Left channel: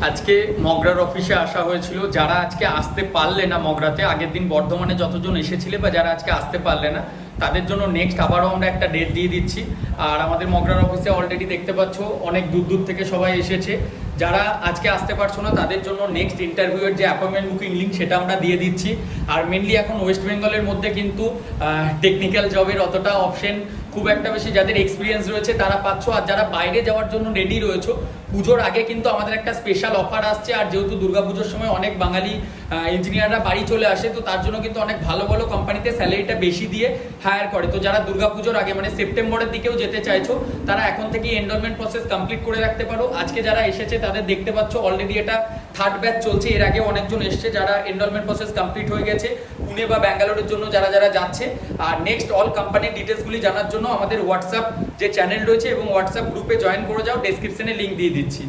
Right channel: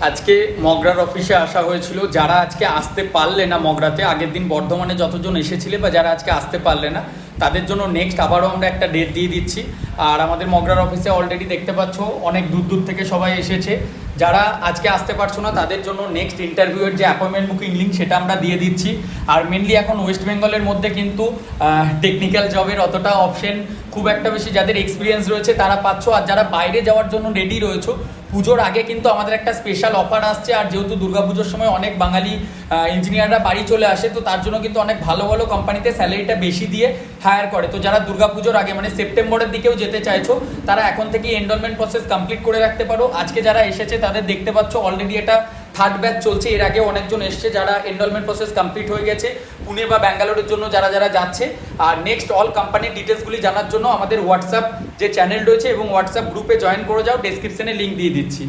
আজকে মগরার অফিসে আসা হয়েছিল। যারা আজকে আসতে পারলে না মগরাতে, আগের দিন বর্ধমানে যতজন এসেছিলে বা যারা আজকে আসতে পারলে না তাদের জন্য নেক্সট আবারও আমরা একটা ডেট দিয়ে দিচ্ছি। আর আমাদের মগরার অফিসে অলরেডি দেখতে পাচ্ছ, অনেক দূর দূর থেকে সবাই এসেছে। যারা আজকে আসতে পারছ না, তাদের জন্য নেক্সট ইন্টারভিউয়ের যে অ্যাপয়েন্টমেন্ট বুকিং লিঙ্ক সেটা আমরা দিয়ে দিচ্ছি। আর মেনলি এখন ওয়েস্ট বেঙ্গলের মধ্যে কিন্তু টেকনিক্যাল জবের অতটা অপশন খুব একটা বেশি যাদের এক্সপিরিয়েন্স রয়েছে, তারা পাচ্ছ। আর যারা বাইরে যাওয়ার জন্য রেডি রয়েছে, পুজোর আগে কিন্তু আমাদের একটা স্পেশাল অফার আসছে। আর যেহেতু দুর্গাপুজোর সময় অনেক বাঙালি ইঞ্জিনিয়াররা বাড়ি চলে আসে, তো তার জন্য কিন্তু অনেক ভালো ভালো কোম্পানিতে স্যালারিটা বেশি দিয়ে হায়ার করে। তো যারা দুর্গাপুজোর আগে মানে সেপ্টেম্বরের দিকেও যেতে চাইছো, তারা এখন থেকে এনরোলমেন্ট প্রসেস কমপ্লিট করে রাখতে পারো। আজকে যারা এসেছে, তাদের দেখতে পাচ্ছ অলরেডি এটা থার্ড ব্যাচ চলছে। এর আগে অনেকজন এসছে যারা এনরোলমেন্ট প্রসেস কমপ্লিট হয়ে গেছে, পুনে বা ব্যাঙ্গালোরের জন্য যারা যারা যাচ্ছে। আর নেক্সট অল কোম্পানির ডিটেলসগুলি জানার জন্য আমাদের হোয়াটসঅ্যাপ যে চ্যানেল রয়েছে এবং হোয়াটসঅ্যাপ গ্রুপে জয়েন করে যাও ডেসক্রিপশনে লিঙ্ক দিয়ে দিচ্ছি।